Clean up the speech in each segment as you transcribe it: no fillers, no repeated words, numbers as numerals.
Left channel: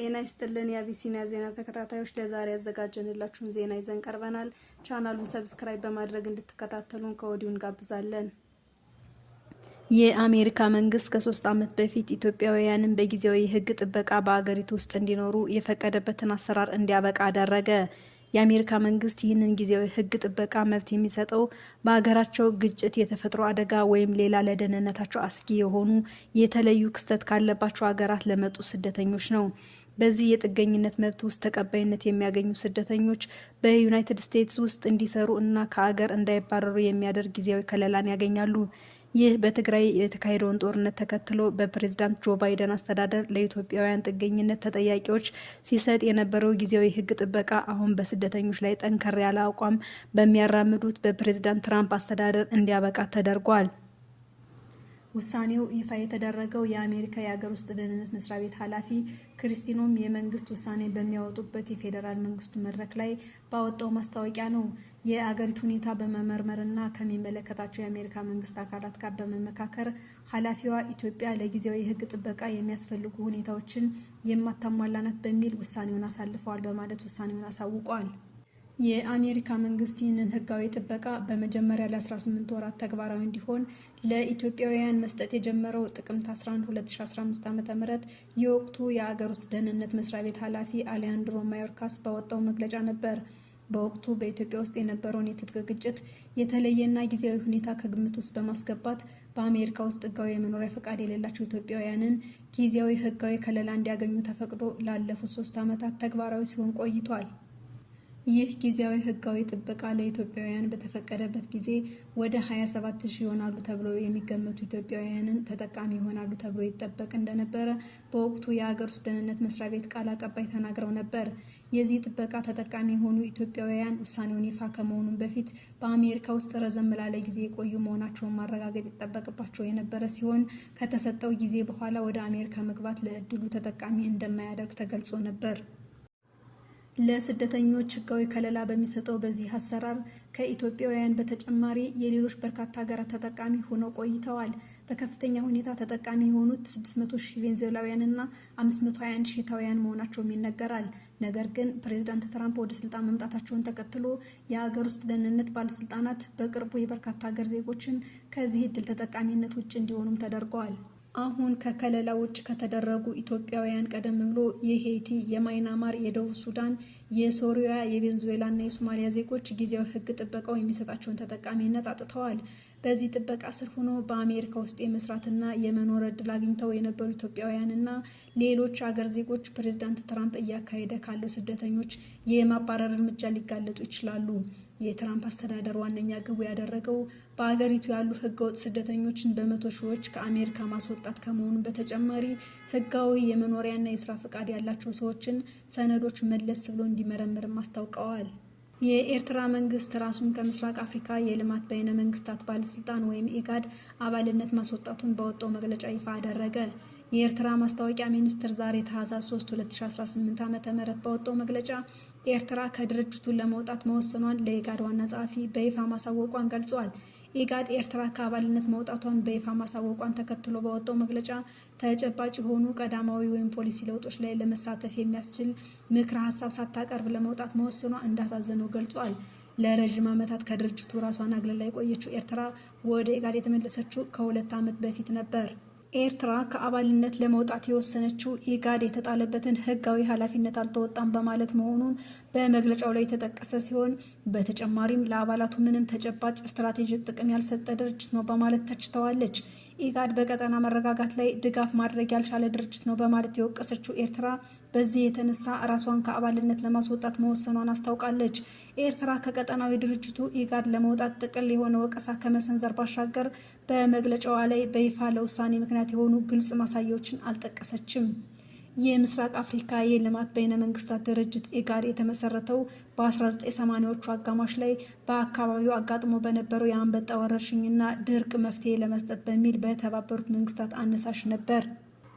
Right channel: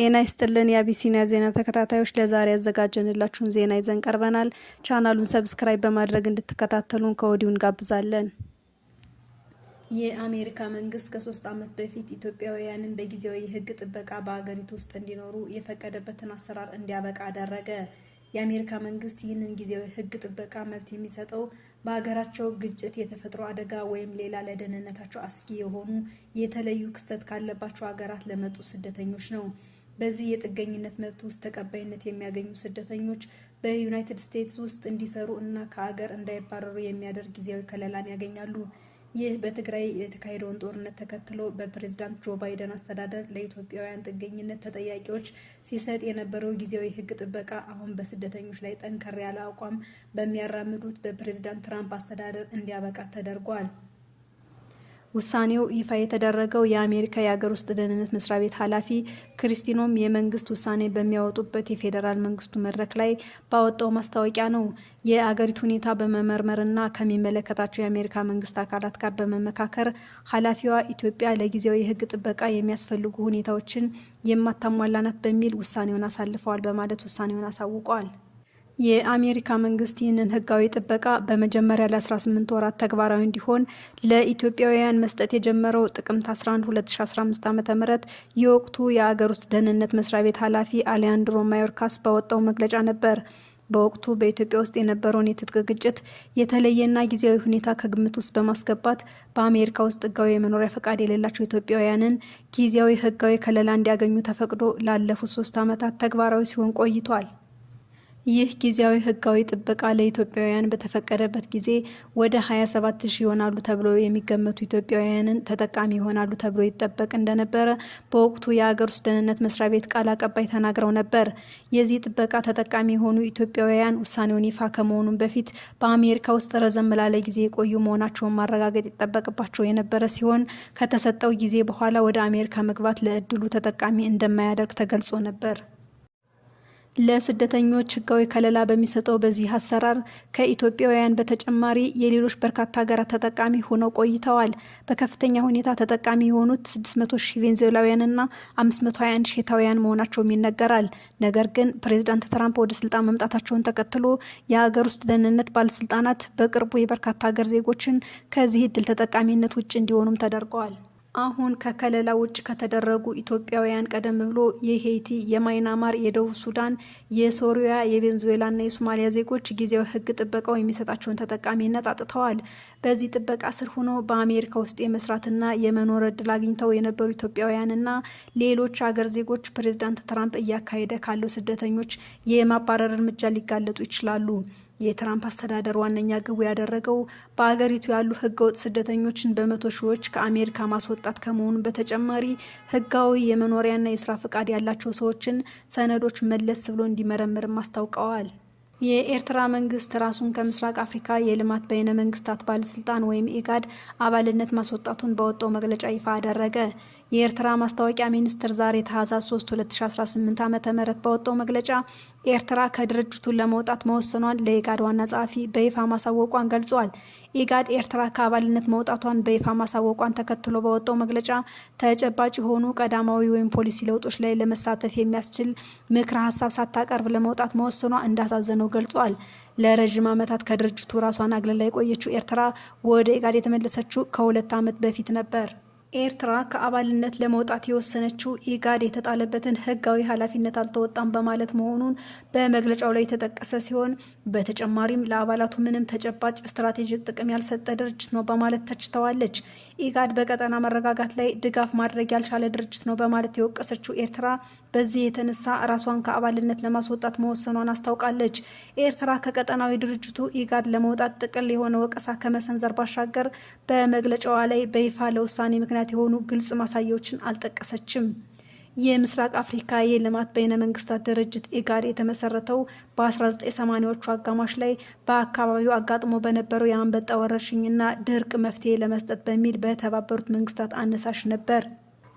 ጤና ይስጥልን የአቢሲኒያ ዜና ተከታታዮች፣ ለዛሬ ያዘጋጀንላችሁን ዜና ይዘን ቀርበናል። ቻናሉን ሰብስክራይብ በማድረግ እንድትከታተሉን ከወዲሁ እንጋብዛለን። የአሜሪካ መንግስት ከ3 ዓመት በፊት ኢትዮጵያውያንን በጊዜያዊ የህግ ጥበቃ በአገሪቱ ውስጥ እንዲኖሩ የፈቀደበትን አሰራር እንዲያበቃ አደረገ። የአሜሪካ መንግስት ይህንን ጊዜያዊ ህግ ጥበቃ መብት የሚሰጠው በሀገራቸው ግጭት፣ የተፈጥሮ አደጋ ወይም ሌላ ለደህንነታቸው አስጊ የሆኑ የተለዩ ክስተት ካለባቸው ሀገራት ለመጡ ስደተኞች ነው። በዚህ የጥገኝነት መብት ውስጥ ተቀባይነት የሚያገኙ ስደተኞች በዩናይትድ ስቴትስ ውስጥ እንዲሰሩ እና ከሀገር እንዳይባረሩ የሚያደርግ ጊዜያዊ ከለላን ያገኛሉ። ይህ በትግራይ የተካሄደውን ጦርነት ተከትሎ በፕሬዝዳንት ጆ ባይደን አስተዳደር ለኢትዮጵያውያን ጥገኝነት ተጠያቂዎች ሲሰጥ የነበረው ጊዜያዊ ህግ ጥበቃ አሁን በስደተኞች ላይ ጠንከር ያለ አቋም በሚያራምዱት በፕሬዝዳንት ትራምፕ አስተዳደር እንዲያበቃ ተደርጓል። ውሳኔው ይፋ የተደረገው የአሜሪካ የሀገር ውስጥ ደህንነት መስሪያ ቤት ኃላፊ ክሪስቲኖም የመንግስት ውሳኔ በሚያወጡበት የፌዴራል መንግስቱ መድረክ ላይ ባወጣው ማስታወቂያ ነው። የአገሪቱ ሁኔታ በመመርመርና ከሚመለከታቸው የአሜሪካ መንግስት አካላት ጋር በመመካከር ኃላፊዋ ኢትዮጵያ ለጊዜያዊ የህግ ጥበቃ የሚያስፈልጉ ሁኔታዎችን የማታሟላ ናት በሚል ውሳኔውን አሳልፈዋል በማለት ውሳኔውን አሳውቀዋል። የአሜሪካ መንግስት ይህንን ህጋዊ ጥበቃ በመጀመሪያ ለ18 ወራት ተግባራዊ እንዲሆን ለኢትዮጵያውያን መስጠት የጀመረው ጥቅምት 11 2015 ዓ.ም የወቅቱ የአገር ውስጥ ደህንነት መስሪያ ቤት ኃላፊ አሊያንድሮ ማዮርካስ ባወጣው መግለጫ ነበር። በወቅቱ በኢትዮጵያ ውስጥ የነበረውን የትጥቅ ግጭት የተለየና ጊዜያዊ ሁኔታ ከግምት ውስጥ በማስገባት በአሜሪካ ውስጥ ህጋዊ የመኖሪያ ፈቃድ የሌላቸው ኢትዮጵያውያንን ጊዜያዊ ህጋዊ ከለላ እንዲያገኙ ተፈቅዶ ላለፉት 3 ዓመታት ተግባራዊ ሲሆን ቆይቷል። ይህ ጊዜያዊ ህጋዊ ጥበቃ ለኢትዮጵያውያን በተፈቀደበት ጊዜ ወደ 27,000 ይሆናሉ ተብሎ የሚገመቱ ኢትዮጵያውያንን ተጠቃሚ ይሆናሉ ተብሎ ይጠበቅ እንደነበረ በወቅቱ የሀገር ውስጥ ደህንነት መስሪያ ቤት ቃል አቀባይ ተናግረው ነበር። የዚህ ጥበቃ ተጠቃሚ የሆኑ ኢትዮጵያውያን ውሳኔውን ይፋ ከመሆኑም በፊት በአሜሪካ ውስጥ ረዘም ላለ ጊዜ የቆዩ መሆናቸውን ማረጋገጥ ይጠበቅባቸው የነበረ ሲሆን ከተሰጠው ጊዜ በኋላ ወደ አሜሪካ መግባት ለእድሉ ተጠቃሚ እንደማያደርግ ተገልጾ ነበር። ለስደተኞች ህጋዊ ከለላ በሚሰጠው በዚህ አሰራር ከኢትዮጵያውያን በተጨማሪ የሌሎች በርካታ ሀገራት ተጠቃሚ ሆነው ቆይተዋል። በከፍተኛ ሁኔታ ተጠቃሚ የሆኑት 600,000 ቬንዙዌላውያንና 521,000 ሄታውያን መሆናቸውም ይነገራል። ነገር ግን ፕሬዝዳንት ትራምፕ ወደ ስልጣን መምጣታቸውን ተከትሎ የሀገር ውስጥ ደህንነት ባለስልጣናት በቅርቡ የበርካታ ሀገር ዜጎችን ከዚህ እድል ተጠቃሚነት ውጭ እንዲሆኑም ተደርገዋል። አሁን ከከለላ ውጭ ከተደረጉ ኢትዮጵያውያን ቀደም ብሎ የሄይቲ፣ የማይናማር፣ የደቡብ ሱዳን፣ የሶሪያ፣ የቬንዙዌላና የሶማሊያ ዜጎች ጊዜያዊ ህግ ጥበቃው የሚሰጣቸውን ተጠቃሚነት አጥተዋል። በዚህ ጥበቃ ስር ሆኖ በአሜሪካ ውስጥ የመስራትና የመኖር እድል አግኝተው የነበሩ ኢትዮጵያውያንና ሌሎች አገር ዜጎች ፕሬዝዳንት ትራምፕ እያካሄደ ካለው ስደተኞች የማባረር እርምጃ ሊጋለጡ ይችላሉ። የትራምፕ አስተዳደር ዋነኛ ግቡ ያደረገው በአገሪቱ ያሉ ህገወጥ ስደተኞችን በመቶ ሺዎች ከአሜሪካ ማስወጣት ከመሆኑ በተጨማሪ ህጋዊ የመኖሪያና የስራ ፈቃድ ያላቸው ሰዎችን ሰነዶች መለስ ብሎ እንዲመረምርም አስታውቀዋል። የኤርትራ መንግስት ራሱን ከምስራቅ አፍሪካ የልማት በይነ መንግስታት ባለስልጣን ወይም ኢጋድ አባልነት ማስወጣቱን ባወጣው መግለጫ ይፋ አደረገ። የኤርትራ ማስታወቂያ ሚኒስቴር ዛሬ ታህሳስ 3 2018 ዓ.ም ባወጣው መግለጫ ኤርትራ ከድርጅቱን ለመውጣት መወሰኗን ለኢጋድ ዋና ጸሐፊ በይፋ ማሳወቋን ገልጿል። ኢጋድ ኤርትራ ከአባልነት መውጣቷን በይፋ ማሳወቋን ተከትሎ ባወጣው መግለጫ ተጨባጭ የሆኑ ቀዳማዊ ወይም ፖሊሲ ለውጦች ላይ ለመሳተፍ የሚያስችል ምክረ ሀሳብ ሳታቀርብ ለመውጣት መወሰኗ እንዳሳዘነው ገልጿል። ለረዥም ዓመታት ከድርጅቱ ራሷን አግልላ የቆየችው ኤርትራ ወደ ኢጋድ የተመለሰችው ከ2 ዓመት በፊት ነበር። ኤርትራ ከአባልነት ለመውጣት የወሰነችው ኢጋድ የተጣለበትን ህጋዊ ኃላፊነት አልተወጣም በማለት መሆኑን በመግለጫው ላይ የተጠቀሰ ሲሆን በተጨማሪም ለአባላቱ ምንም ተጨባጭ ስትራቴጂክ ጥቅም ያልሰጠ ድርጅት ነው በማለት ተችተዋለች። ኢጋድ በቀጠና መረጋጋት ላይ ድጋፍ ማድረግ ያልቻለ ድርጅት ነው በማለት የወቀሰችው ኤርትራ በዚህ የተነሳ ራሷን ከአባልነት ለማስወጣት መወሰኗን አስታውቃለች። ኤርትራ ከቀጠናዊ ድርጅቱ ኢጋድ ለመውጣት ጥቅል የሆነ ወቀሳ ከመሰንዘር ባሻገር በመግለጫዋ ላይ በይፋ ለውሳኔ ምክንያት የሆኑ ግልጽ ማሳያዎችን አልጠቀሰችም። የምስራቅ አፍሪካ የልማት በይነ መንግስታት ድርጅት ኢጋድ የተመሰረተው በ1980ዎቹ አጋማሽ ላይ በአካባቢው አጋጥሞ በነበረው የአንበጣ ወረርሽኝና ድርቅ መፍትሄ ለመስጠት በሚል በተባበሩት መንግስታት አነሳሽ ነበር።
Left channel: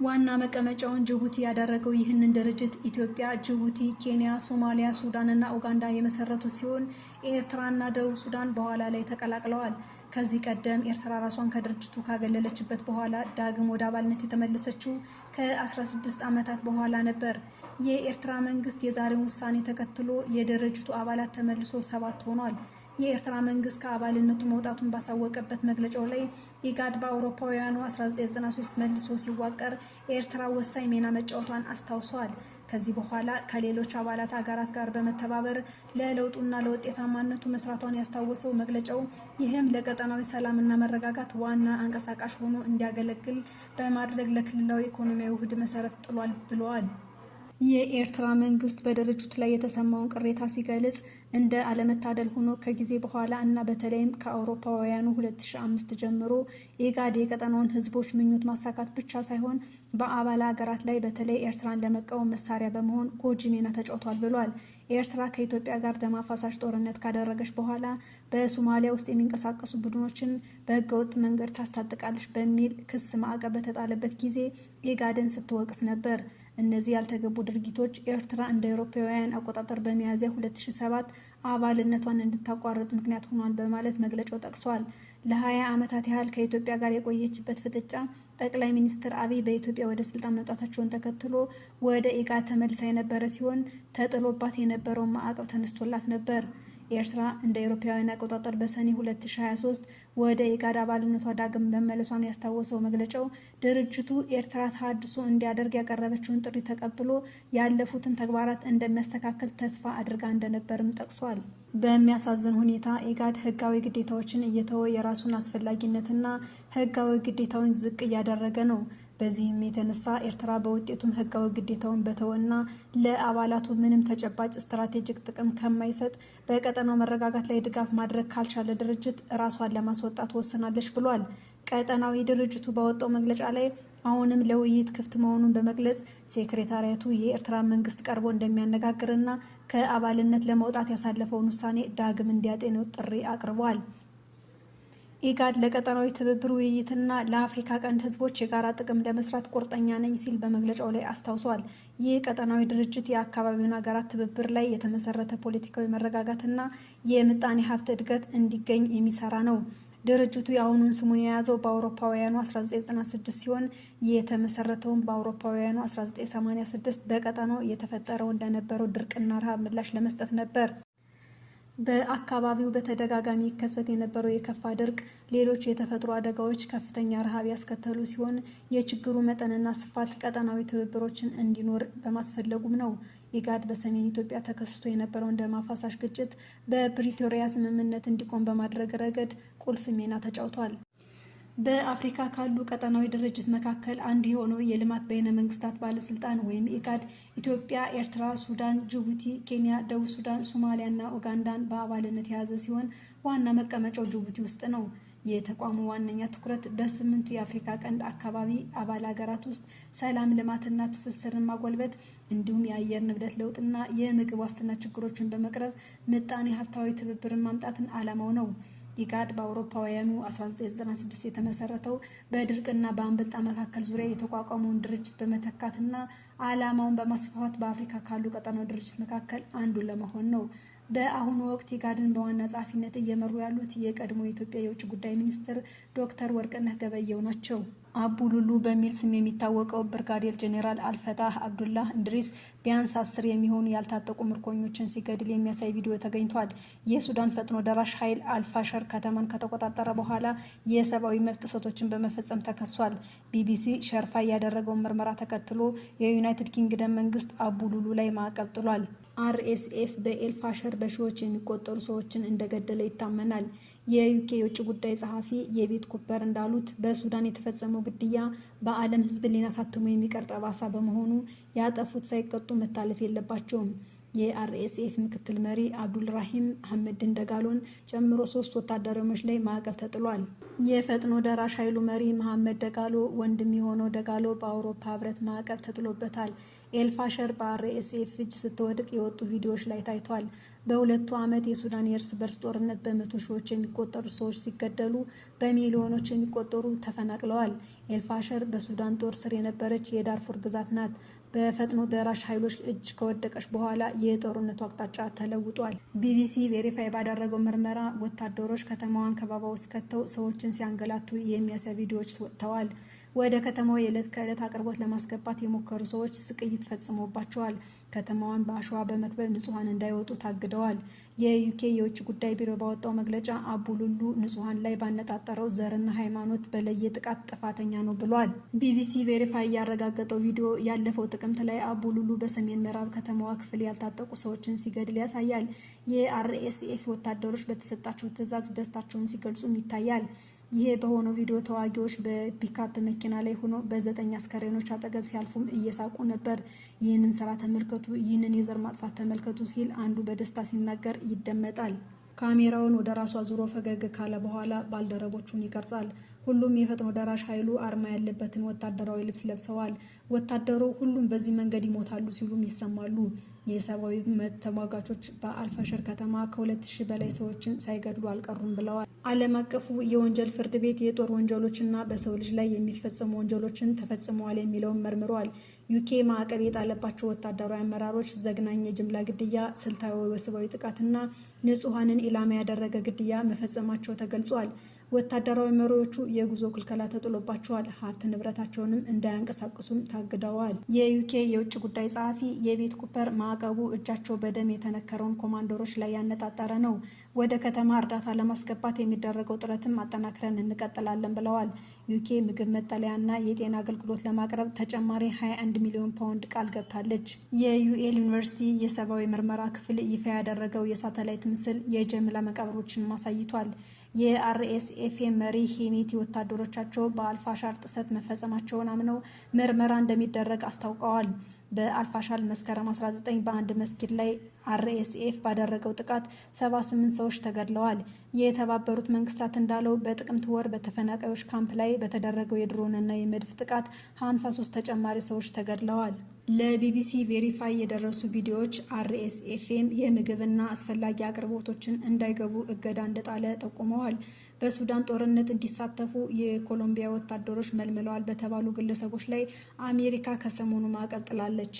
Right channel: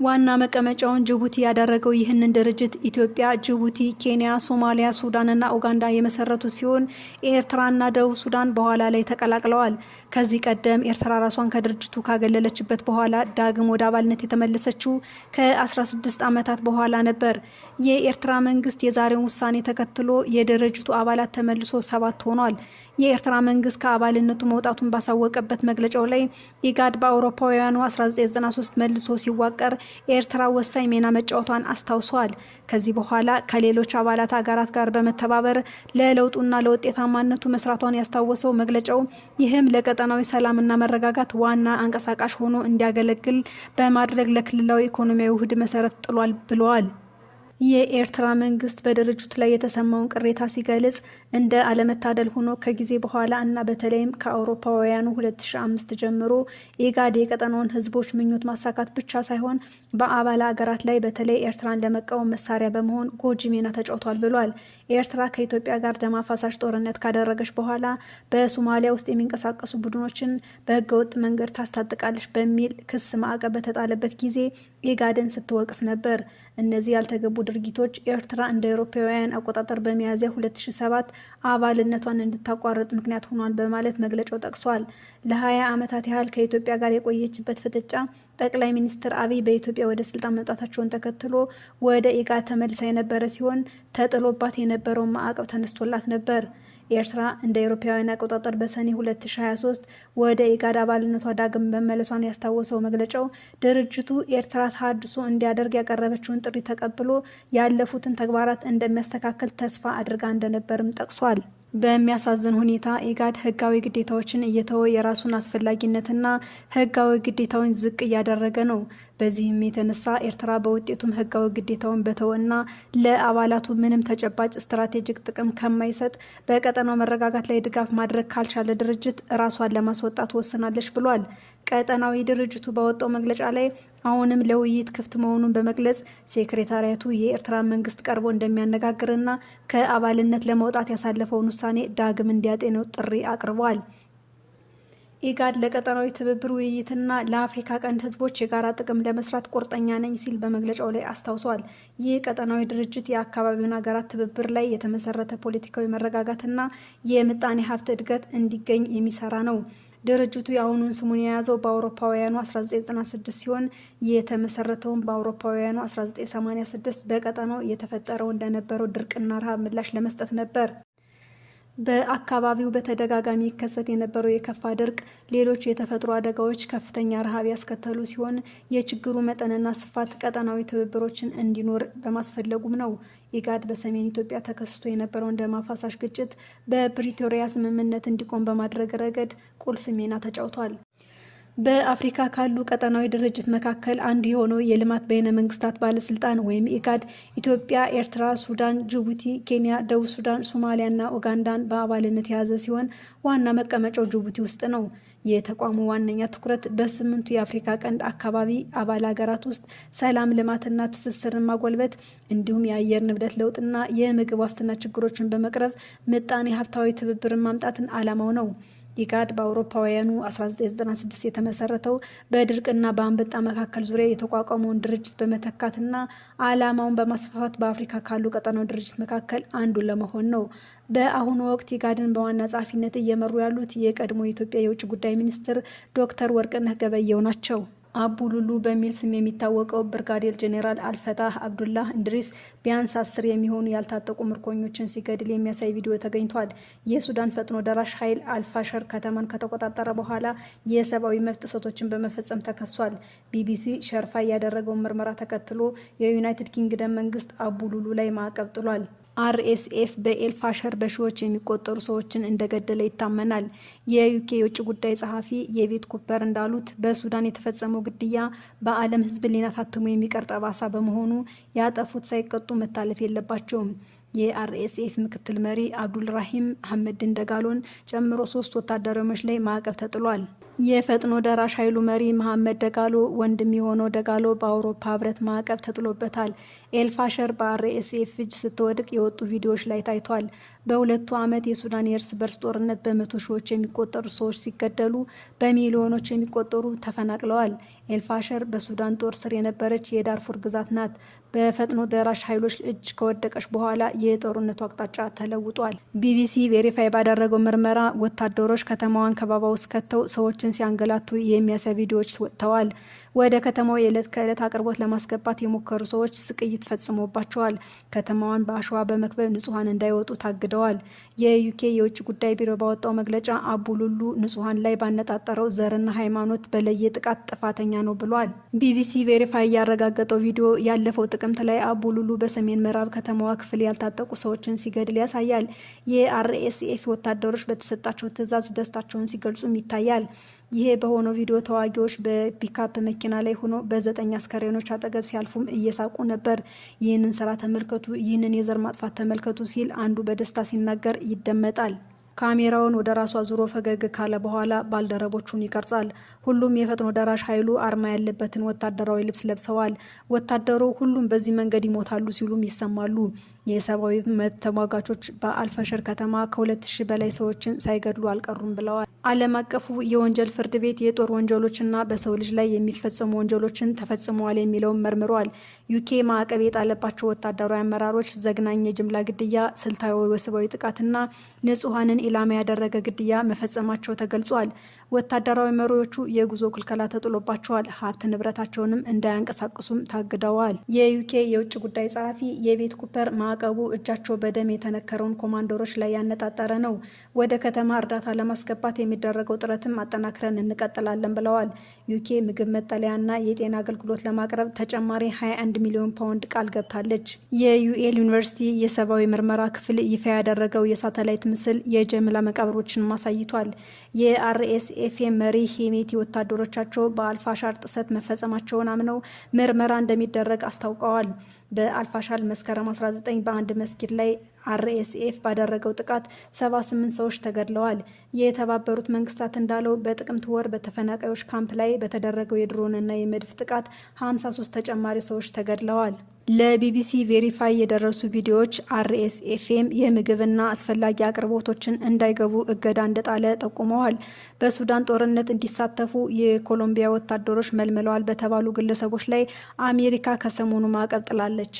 ዋና መቀመጫውን ጅቡቲ ያደረገው ይህንን ድርጅት ኢትዮጵያ፣ ጅቡቲ፣ ኬንያ፣ ሶማሊያ፣ ሱዳንና ኡጋንዳ የመሰረቱ ሲሆን ኤርትራና ደቡብ ሱዳን በኋላ ላይ ተቀላቅለዋል። ከዚህ ቀደም ኤርትራ ራሷን ከድርጅቱ ካገለለችበት በኋላ ዳግም ወደ አባልነት የተመለሰችው ከ16 ዓመታት በኋላ ነበር። የኤርትራ መንግስት የዛሬውን ውሳኔ ተከትሎ የድርጅቱ አባላት ተመልሶ 7 ሆኗል። የኤርትራ መንግስት ከአባልነቱ መውጣቱን ባሳወቀበት መግለጫው ላይ ኢጋድ በአውሮፓውያኑ 1993 መልሶ ሲዋቀር ኤርትራ ወሳኝ ሚና መጫወቷን አስታውሷል። ከዚህ በኋላ ከሌሎች አባላት ሀገራት ጋር በመተባበር ለለውጡና ለውጤታማነቱ መስራቷን ያስታወሰው መግለጫው ይህም ለቀጠናዊ ሰላምና መረጋጋት ዋና አንቀሳቃሽ ሆኖ እንዲያገለግል በማድረግ ለክልላዊ ኢኮኖሚያዊ ውህድ መሰረት ጥሏል ብለዋል። የኤርትራ መንግስት በድርጅቱ ላይ የተሰማውን ቅሬታ ሲገልጽ እንደ አለመታደል ሆኖ ከጊዜ በኋላ እና በተለይም ከአውሮፓውያኑ 2005 ጀምሮ ኢጋድ የቀጠናውን ህዝቦች ምኞት ማሳካት ብቻ ሳይሆን በአባል ሀገራት ላይ በተለይ ኤርትራን ለመቃወም መሳሪያ በመሆን ጎጂ ሚና ተጫውቷል ብሏል። ኤርትራ ከኢትዮጵያ ጋር ደም አፋሳሽ ጦርነት ካደረገች በኋላ በሶማሊያ ውስጥ የሚንቀሳቀሱ ቡድኖችን በህገወጥ መንገድ ታስታጥቃለች በሚል ክስ ማዕቀብ በተጣለበት ጊዜ ኢጋድን ስትወቅስ ነበር። እነዚህ ያልተገቡ ድርጊቶች ኤርትራ እንደ አውሮፓውያን አቆጣጠር በሚያዝያ 2007 አባልነቷን እንድታቋርጥ ምክንያት ሆኗል በማለት መግለጫው ጠቅሷል። ለ20 ዓመታት ያህል ከኢትዮጵያ ጋር የቆየችበት ፍጥጫ ጠቅላይ ሚኒስትር አብይ በኢትዮጵያ ወደ ስልጣን መምጣታቸውን ተከትሎ ወደ ኢጋድ ተመልሳ የነበረ ሲሆን ተጥሎባት የነበረውን ማዕቀብ ተነስቶላት ነበር። ኤርትራ እንደ አውሮፓውያን አቆጣጠር በሰኔ 2023 ወደ ኢጋድ አባልነቷ ዳግም መመለሷን ያስታወሰው መግለጫው ድርጅቱ ኤርትራ ተሃድሶ እንዲያደርግ ያቀረበችውን ጥሪ ተቀብሎ ያለፉትን ተግባራት እንደሚያስተካክል ተስፋ አድርጋ እንደነበርም ጠቅሷል። በሚያሳዝን ሁኔታ ኢጋድ ህጋዊ ግዴታዎችን እየተወ የራሱን አስፈላጊነትና ህጋዊ ግዴታውን ዝቅ እያደረገ ነው። በዚህም የተነሳ ኤርትራ በውጤቱም ህጋዊ ግዴታውን በተወና ለአባላቱ ምንም ተጨባጭ ስትራቴጂክ ጥቅም ከማይሰጥ በቀጠናው መረጋጋት ላይ ድጋፍ ማድረግ ካልቻለ ድርጅት ራሷን ለማስወጣት ወስናለች ብሏል። ቀጠናዊ ድርጅቱ ባወጣው መግለጫ ላይ አሁንም ለውይይት ክፍት መሆኑን በመግለጽ ሴክሬታሪያቱ የኤርትራ መንግስት ቀርቦ እንደሚያነጋግርና ከአባልነት ለመውጣት ያሳለፈውን ውሳኔ ዳግም እንዲያጤነው ጥሪ አቅርቧል። ኢጋድ ለቀጠናዊ ትብብር ውይይትና ለአፍሪካ ቀንድ ህዝቦች የጋራ ጥቅም ለመስራት ቁርጠኛ ነኝ ሲል በመግለጫው ላይ አስታውሷል። ይህ ቀጠናዊ ድርጅት የአካባቢውን ሀገራት ትብብር ላይ የተመሰረተ ፖለቲካዊ መረጋጋትና የምጣኔ ሀብት እድገት እንዲገኝ የሚሰራ ነው። ድርጅቱ የአሁኑን ስሙን የያዘው በአውሮፓውያኑ 1996 ሲሆን የተመሰረተውን በአውሮፓውያኑ 1986 በቀጠናው የተፈጠረው እንደነበረው ድርቅና ረሃብ ምላሽ ለመስጠት ነበር። በአካባቢው በተደጋጋሚ ይከሰት የነበረው የከፋ ድርቅ፣ ሌሎች የተፈጥሮ አደጋዎች ከፍተኛ ረሃብ ያስከተሉ ሲሆን የችግሩ መጠንና ስፋት ቀጠናዊ ትብብሮችን እንዲኖር በማስፈለጉም ነው። ኢጋድ በሰሜን ኢትዮጵያ ተከስቶ የነበረውን ደም አፋሳሽ ግጭት በፕሪቶሪያ ስምምነት እንዲቆም በማድረግ ረገድ ቁልፍ ሚና ተጫውቷል። በአፍሪካ ካሉ ቀጠናዊ ድርጅት መካከል አንዱ የሆነው የልማት በይነ መንግስታት ባለስልጣን ወይም ኢጋድ ኢትዮጵያ፣ ኤርትራ፣ ሱዳን፣ ጅቡቲ፣ ኬንያ፣ ደቡብ ሱዳን፣ ሶማሊያ እና ኡጋንዳን በአባልነት የያዘ ሲሆን ዋና መቀመጫው ጅቡቲ ውስጥ ነው። የተቋሙ ዋነኛ ትኩረት በ8ቱ የአፍሪካ ቀንድ አካባቢ አባል ሀገራት ውስጥ ሰላም፣ ልማትና ትስስርን ማጎልበት እንዲሁም የአየር ንብረት ለውጥና የምግብ ዋስትና ችግሮችን በመቅረፍ ምጣኔ ሀብታዊ ትብብርን ማምጣትን ዓላማው ነው። ኢጋድ በአውሮፓውያኑ 1996 የተመሰረተው በድርቅና በአንበጣ መካከል ዙሪያ የተቋቋመውን ድርጅት በመተካትና ዓላማውን በማስፋፋት በአፍሪካ ካሉ ቀጠናዊ ድርጅት መካከል አንዱ ለመሆን ነው። በአሁኑ ወቅት ኢጋድን በዋና ጸሐፊነት እየመሩ ያሉት የቀድሞ የኢትዮጵያ የውጭ ጉዳይ ሚኒስትር ዶክተር ወርቅነህ ገበየሁ ናቸው። አቡ ሉሉ በሚል ስም የሚታወቀው ብርጋዴር ጄኔራል አልፈታህ አብዱላህ እንድሪስ ቢያንስ 10 የሚሆኑ ያልታጠቁ ምርኮኞችን ሲገድል የሚያሳይ ቪዲዮ ተገኝቷል። የሱዳን ፈጥኖ ደራሽ ኃይል አልፋሸር ከተማን ከተቆጣጠረ በኋላ የሰብአዊ መብት ጥሰቶችን በመፈጸም ተከሷል። ቢቢሲ ሸርፋ ያደረገውን ምርመራ ተከትሎ የዩናይትድ ኪንግደም መንግስት አቡ ሉሉ ላይ ማዕቀብ ጥሏል። አርኤስኤፍ በኤልፋሸር በሺዎች የሚቆጠሩ ሰዎችን እንደገደለ ይታመናል። የዩኬ የውጭ ጉዳይ ጸሐፊ የቤት ኩፐር እንዳሉት በሱዳን የተፈጸመው ግድያ በዓለም ሕዝብ ሊና ታትሞ የሚቀር ጠባሳ በመሆኑ ያጠፉት ሳይቀጡ መታለፍ የለባቸውም። የአርኤስኤፍ ምክትል መሪ አብዱልራሂም ሐመድን ደጋሎን ጨምሮ 3 ወታደሮች ላይ ማዕቀብ ተጥሏል። የፈጥኖ ደራሽ ኃይሉ መሪ መሐመድ ደጋሎ ወንድም የሆነው ደጋሎ በአውሮፓ ህብረት ማዕቀብ ተጥሎበታል። ኤልፋሸር በአርኤስኤፍ እጅ ስትወድቅ የወጡ ቪዲዮዎች ላይ ታይቷል። በሁለቱ ዓመት የሱዳን የእርስ በርስ ጦርነት በመቶ ሺዎች የሚቆጠሩ ሰዎች ሲገደሉ በሚሊዮኖች የሚቆጠሩ ተፈናቅለዋል። ኤልፋሸር በሱዳን ጦር ስር የነበረች የዳርፉር ግዛት ናት። በፈጥኖ ደራሽ ኃይሎች እጅ ከወደቀች በኋላ የጦርነቱ አቅጣጫ ተለውጧል። ቢቢሲ ቬሪፋይ ባደረገው ምርመራ ወታደሮች ከተማዋን ከበባ ውስጥ ከተው ሰዎችን ሲያንገላቱ የሚያሳይ ቪዲዮዎች ወጥተዋል። ወደ ከተማው የዕለት ከዕለት አቅርቦት ለማስገባት የሞከሩ ሰዎች ስቅይት ፈጽሞባቸዋል። ከተማዋን በአሸዋ በመክበብ ንጹሐን እንዳይወጡ ታግደዋል። የዩኬ የውጭ ጉዳይ ቢሮ ባወጣው መግለጫ አቡሉሉ ንጹሐን ላይ ባነጣጠረው ዘርና ሃይማኖት በለየ ጥቃት ጥፋተኛ ነው ብሏል። ቢቢሲ ቬሪፋይ ያረጋገጠው ቪዲዮ ያለፈው ጥቅምት ላይ አቡሉሉ በሰሜን ምዕራብ ከተማዋ ክፍል ያልታጠቁ ሰዎችን ሲገድል ያሳያል። የአርኤስኤፍ ወታደሮች በተሰጣቸው ትዕዛዝ ደስታቸውን ሲገልጹም ይታያል። ይሄ በሆነው ቪዲዮ ተዋጊዎች በፒካፕ መኪና ላይ ሆኖ በ9 አስከሬኖች አጠገብ ሲያልፉም እየሳቁ ነበር። ይህንን ስራ ተመልከቱ፣ ይህንን የዘር ማጥፋት ተመልከቱ ሲል አንዱ በደስታ ሲናገር ይደመጣል። ካሜራውን ወደ ራሷ ዙሮ ፈገግ ካለ በኋላ ባልደረቦቹን ይቀርጻል። ሁሉም የፈጥኖ ደራሽ ኃይሉ አርማ ያለበትን ወታደራዊ ልብስ ለብሰዋል። ወታደሩ ሁሉም በዚህ መንገድ ይሞታሉ ሲሉም ይሰማሉ። የሰብአዊ መብት ተሟጋቾች በአልፈሸር ከተማ ከ2000 በላይ ሰዎችን ሳይገድሉ አልቀሩም ብለዋል። ዓለም አቀፉ የወንጀል ፍርድ ቤት የጦር ወንጀሎችና በሰው ልጅ ላይ የሚፈጸሙ ወንጀሎችን ተፈጽመዋል የሚለውን መርምሯል። ዩኬ ማዕቀብ የጣለባቸው ወታደራዊ አመራሮች ዘግናኝ የጅምላ ግድያ፣ ስልታዊ ወሲባዊ ጥቃትና ንጹሐንን ኢላማ ያደረገ ግድያ መፈጸማቸው ተገልጿል። ወታደራዊ መሪዎቹ የጉዞ ክልከላ ተጥሎባቸዋል። ሀብት ንብረታቸውንም እንዳያንቀሳቅሱም ታግደዋል። የዩኬ የውጭ ጉዳይ ጸሐፊ የቤት ኩፐር ማዕቀቡ እጃቸው በደም የተነከረውን ኮማንደሮች ላይ ያነጣጠረ ነው። ወደ ከተማ እርዳታ ለማስገባት የሚደረገው ጥረትም አጠናክረን እንቀጥላለን ብለዋል። ዩኬ ምግብ፣ መጠለያና የጤና አገልግሎት ለማቅረብ ተጨማሪ 21 ሚሊዮን ፓውንድ ቃል ገብታለች። የዩኤል ዩኒቨርሲቲ የሰብአዊ ምርመራ ክፍል ይፋ ያደረገው የሳተላይት ምስል የጅምላ መቃብሮችን አሳይቷል። የአርኤስኤፍ መሪ ሄሜቲ ወታደሮቻቸው በአልፋሻር ጥሰት መፈጸማቸውን አምነው ምርመራ እንደሚደረግ አስታውቀዋል። በአልፋሻር መስከረም 19 በአንድ መስጊድ ላይ አርኤስኤፍ ባደረገው ጥቃት 78 ሰዎች ተገድለዋል። የተባበሩት መንግስታት እንዳለው በጥቅምት ወር በተፈናቃዮች ካምፕ ላይ በተደረገው የድሮንና የመድፍ ጥቃት 53 ተጨማሪ ሰዎች ተገድለዋል። ለቢቢሲ ቬሪፋይ የደረሱ ቪዲዮዎች አርኤስኤፍም የምግብና አስፈላጊ አቅርቦቶችን እንዳይገቡ እገዳ እንደጣለ ጠቁመዋል። በሱዳን ጦርነት እንዲሳተፉ የኮሎምቢያ ወታደሮች መልምለዋል በተባሉ ግለሰቦች ላይ አሜሪካ ከሰሞኑ ማዕቀብ ጥላለች።